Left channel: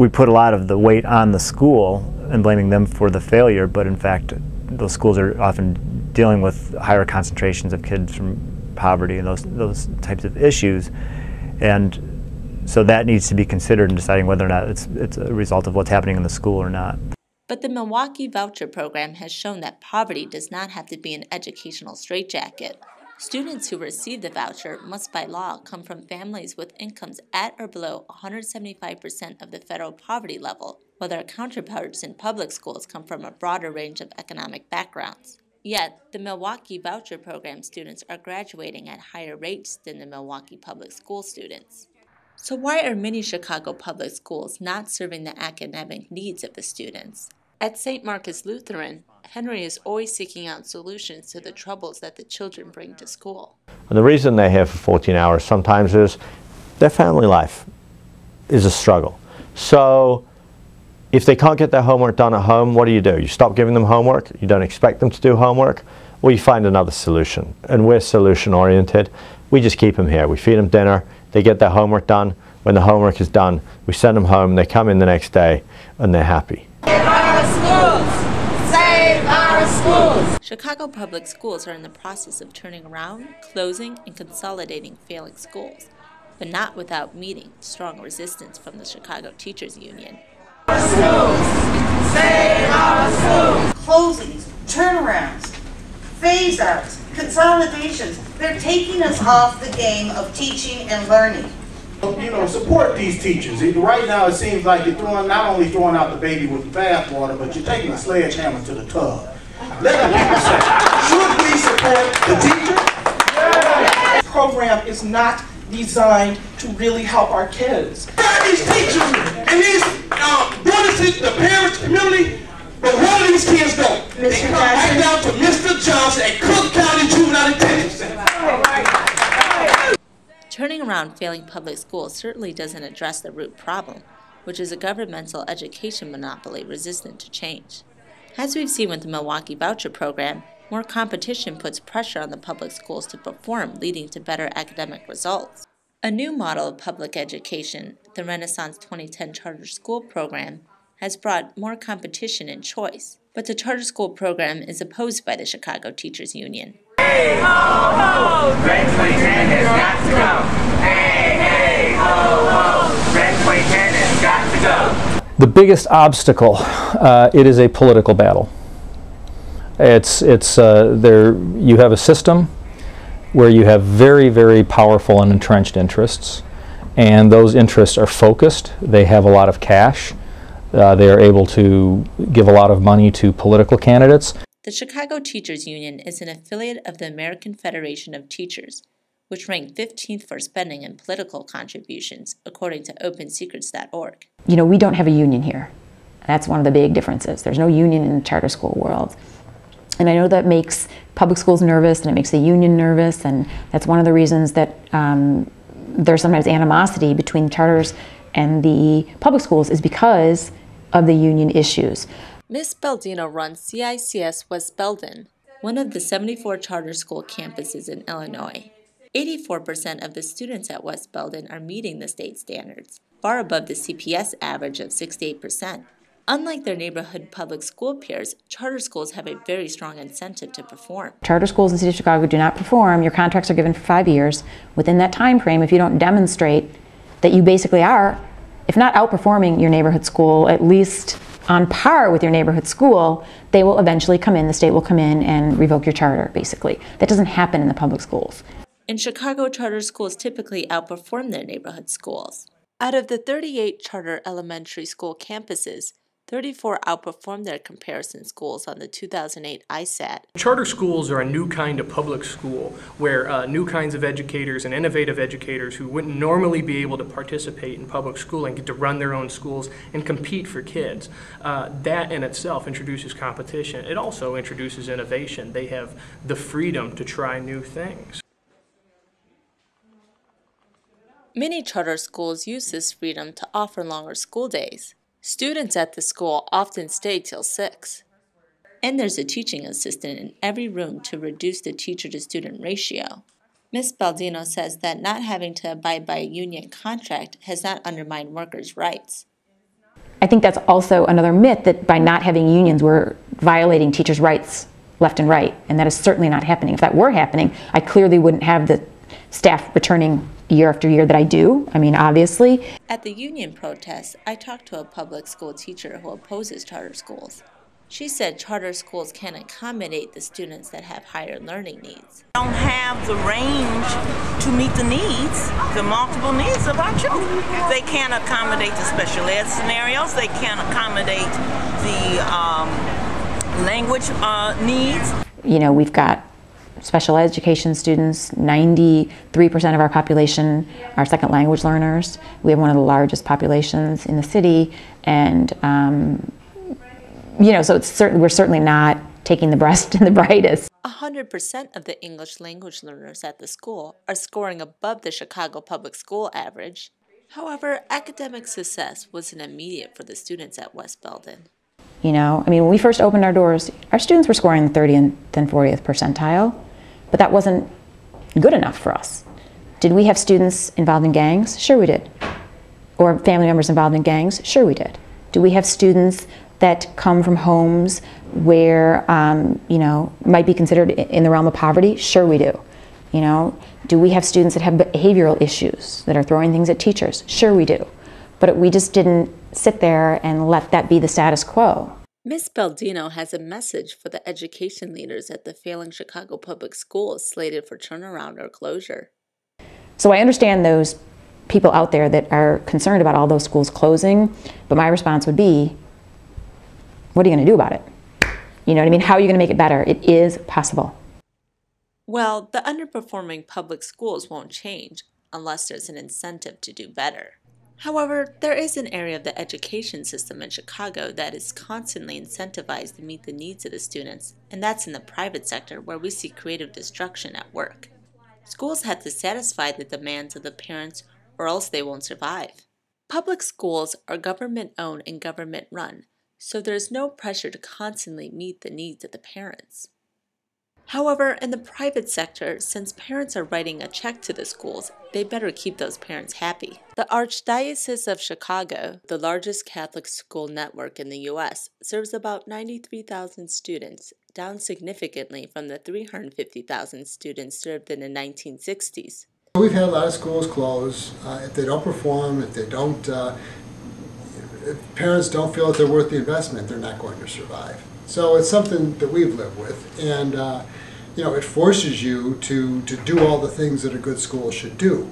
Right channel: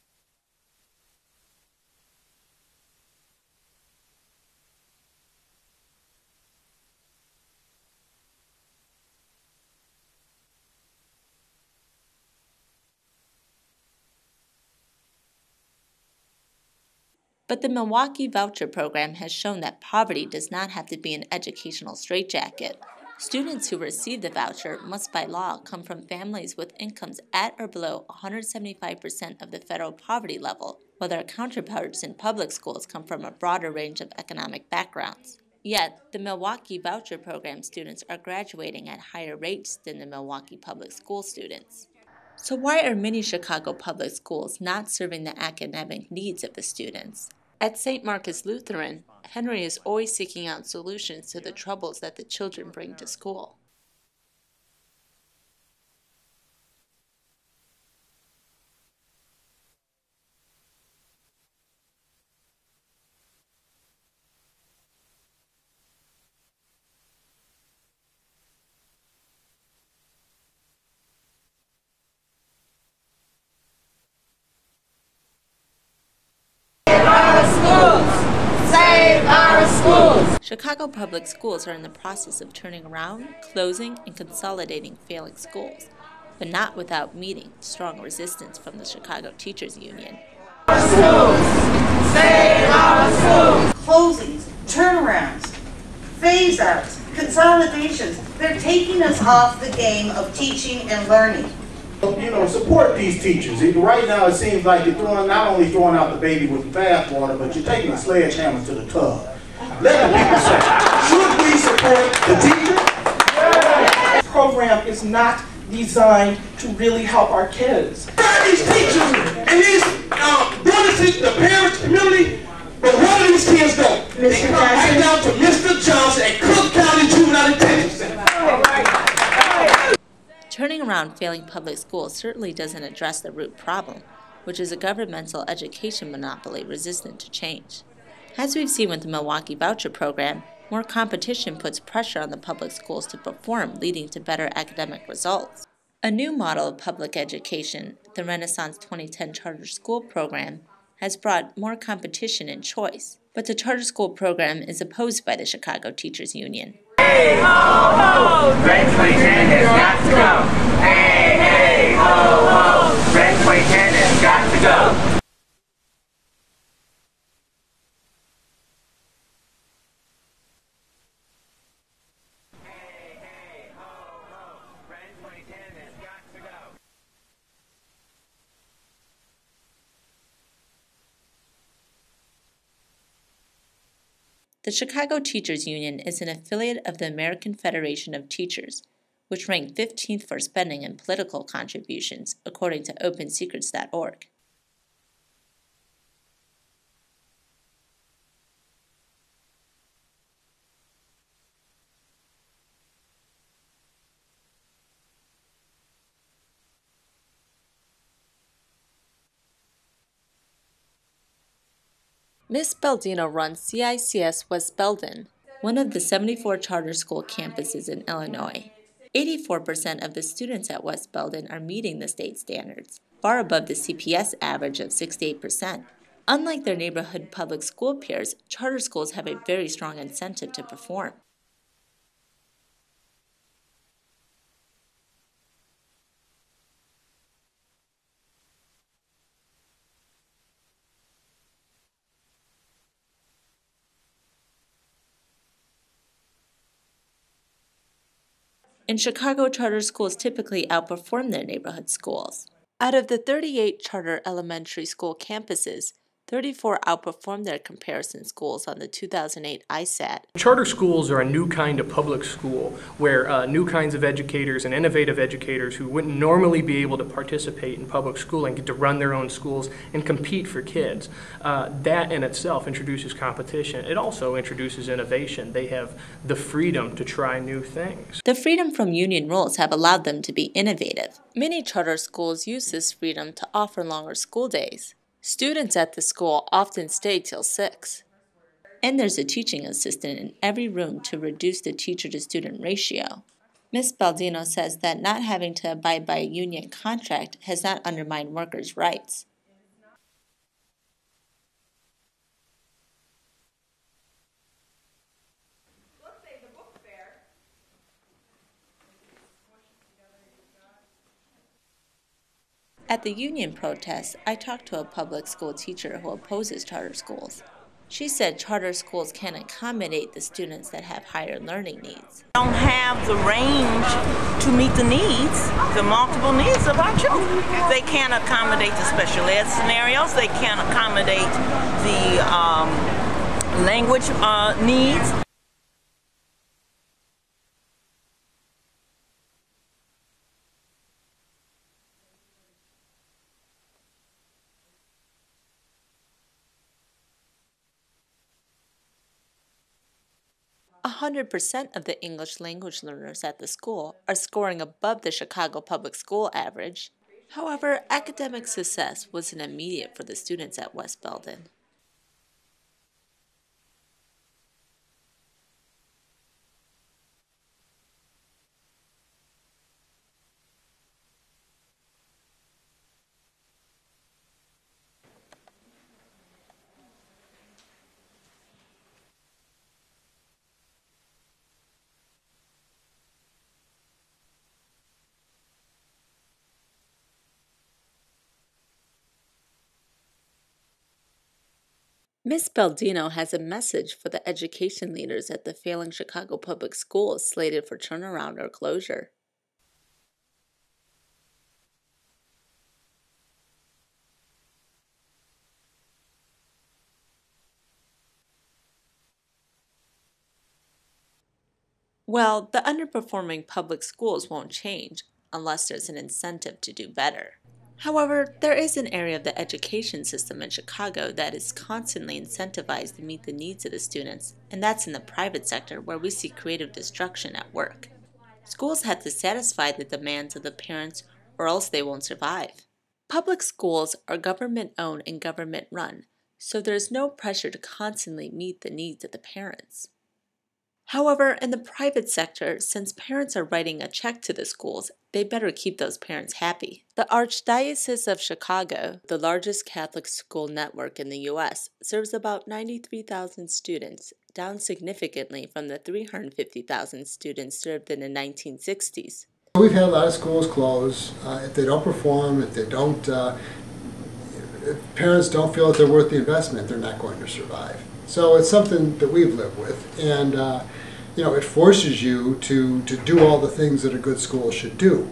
we put a lot of the weight on the school and blaming them for the failure, but in fact those schools are often dealing with higher concentrations of kids from poverty and those types of issues, and so that needs to be considered in deciding whether or not it's a result of what's happening in the school or not. But the Milwaukee Voucher program has shown that poverty does not have to be an educational straitjacket. Students who receive the voucher must by law come from families with incomes at or below 175% of the federal poverty level, while their counterparts in public schools come from a broader range of economic backgrounds. Yet, the Milwaukee Voucher program students are graduating at higher rates than the Milwaukee public school students. So why are many Chicago public schools not serving the academic needs of the students? At St. Marcus Lutheran, Henry is always seeking out solutions to the troubles that the children bring to school. And the reason they're here for 14 hours sometimes is their family life is a struggle. So if they can't get their homework done at home, what do? You stop giving them homework, you don't expect them to do homework, or you find another solution. And we're solution oriented. We just keep them here. We feed them dinner, they get their homework done. When the homework is done, we send them home, they come in the next day, and they're happy. Save our schools! Save our schools! Chicago public schools are in the process of turning around, closing, and consolidating failing schools, but not without meeting strong resistance from the Chicago Teachers Union. Our schools! Save our schools! Closings, turnarounds, phase-outs, consolidations, they're taking us off the game of teaching and learning. You know, support these teachers. Right now it seems like you're not only throwing out the baby with the bathwater, but you're taking a sledgehammer to the tub. Let the people say, should we support the teachers? The program is not designed to really help our kids. These teachers and these brothers, the parents, community, but where do these kids go? They come right down to Mr. Johnson at Cook County Juvenile Detention Center. Turning around failing public schools certainly doesn't address the root problem, which is a governmental education monopoly resistant to change. As we've seen with the Milwaukee Voucher program, more competition puts pressure on the public schools to perform, leading to better academic results. A new model of public education, the Renaissance 2010 Charter School Program, has brought more competition and choice, but the charter school program is opposed by the Chicago Teachers Union. Hey, ho, ho! Red 2010 has got to go! Hey, hey, ho, ho! Red 2010 has got to go! The biggest obstacle, it is a political battle. You have a system where you have very, very powerful and entrenched interests, and those interests are focused. They have a lot of cash. They are able to give a lot of money to political candidates. The Chicago Teachers Union is an affiliate of the American Federation of Teachers, which ranked 15th for spending and political contributions, according to OpenSecrets.org. You know, we don't have a union here. That's one of the big differences. There's no union in the charter school world. And I know that makes public schools nervous, and it makes the union nervous, and that's one of the reasons that there's sometimes animosity between charters and the public schools, is because of the union issues. Ms. Baldino runs CICS West Belden, one of the 74 charter school campuses in Illinois. 84% of the students at West Belden are meeting the state standards, far above the CPS average of 68%. Unlike their neighborhood public school peers, charter schools have a very strong incentive to perform. Charter schools in the city of Chicago do not perform. Your contracts are given for 5 years. Within that time frame, if you don't demonstrate that you basically are, if not outperforming your neighborhood school, at least on par with your neighborhood school, they will eventually come in, the state will come in and revoke your charter, basically. That doesn't happen in the public schools. In Chicago, charter schools typically outperform their neighborhood schools. Out of the 38 charter elementary school campuses, 34 outperformed their comparison schools on the 2008 ISAT. Charter schools are a new kind of public school where new kinds of educators and innovative educators who wouldn't normally be able to participate in public schooling get to run their own schools and compete for kids. That in itself introduces competition. It also introduces innovation. They have the freedom to try new things. The freedom from union rules have allowed them to be innovative. Many charter schools use this freedom to offer longer school days. Students at the school often stay till 6. And there's a teaching assistant in every room to reduce the teacher-to-student ratio. Ms. Baldino says that not having to abide by a union contract has not undermined workers' rights. I think that's also another myth, that by not having unions, we're violating teachers' rights left and right, and that is certainly not happening. If that were happening, I clearly wouldn't have the staff returning year after year that I do. I mean, obviously. At the union protests, I talked to a public school teacher who opposes charter schools. She said charter schools can accommodate the students that have higher learning needs. Don't have the range to meet the needs, the multiple needs of our children. They can't accommodate the special ed scenarios. They can't accommodate the language needs. You know, we've got special education students. 93% of our population are second language learners. We have one of the largest populations in the city, and you know, so we're certainly not taking the best and the brightest. 100% of the English language learners at the school are scoring above the Chicago public school average. However, academic success wasn't immediate for the students at West Belden. You know, I mean, when we first opened our doors, our students were scoring the 30th and then 40th percentile, but that wasn't good enough for us. Did we have students involved in gangs? Sure we did. Or family members involved in gangs? Sure we did. Do we have students that come from homes where, you know, might be considered in the realm of poverty? Sure we do. You know, do we have students that have behavioral issues, that are throwing things at teachers? Sure we do. But we just didn't sit there and let that be the status quo. Ms. Baldino has a message for the education leaders at the failing Chicago public schools slated for turnaround or closure. So I understand those people out there that are concerned about all those schools closing, but my response would be, what are you going to do about it? You know what I mean? How are you going to make it better? It is possible. Well, the underperforming public schools won't change unless there's an incentive to do better. However, there is an area of the education system in Chicago that is constantly incentivized to meet the needs of the students, and that's in the private sector, where we see creative destruction at work. Schools have to satisfy the demands of the parents, or else they won't survive. Public schools are government-owned and government-run, so there's no pressure to constantly meet the needs of the parents. However, in the private sector, since parents are writing a check to the schools, they better keep those parents happy. The Archdiocese of Chicago, the largest Catholic school network in the U.S., serves about 93,000 students, down significantly from the 350,000 students served in the 1960s. We've had a lot of schools close. If they don't perform, if they don't, if parents don't feel that they're worth the investment, they're not going to survive. So it's something that we've lived with, and you know, it forces you to do all the things that a good school should do.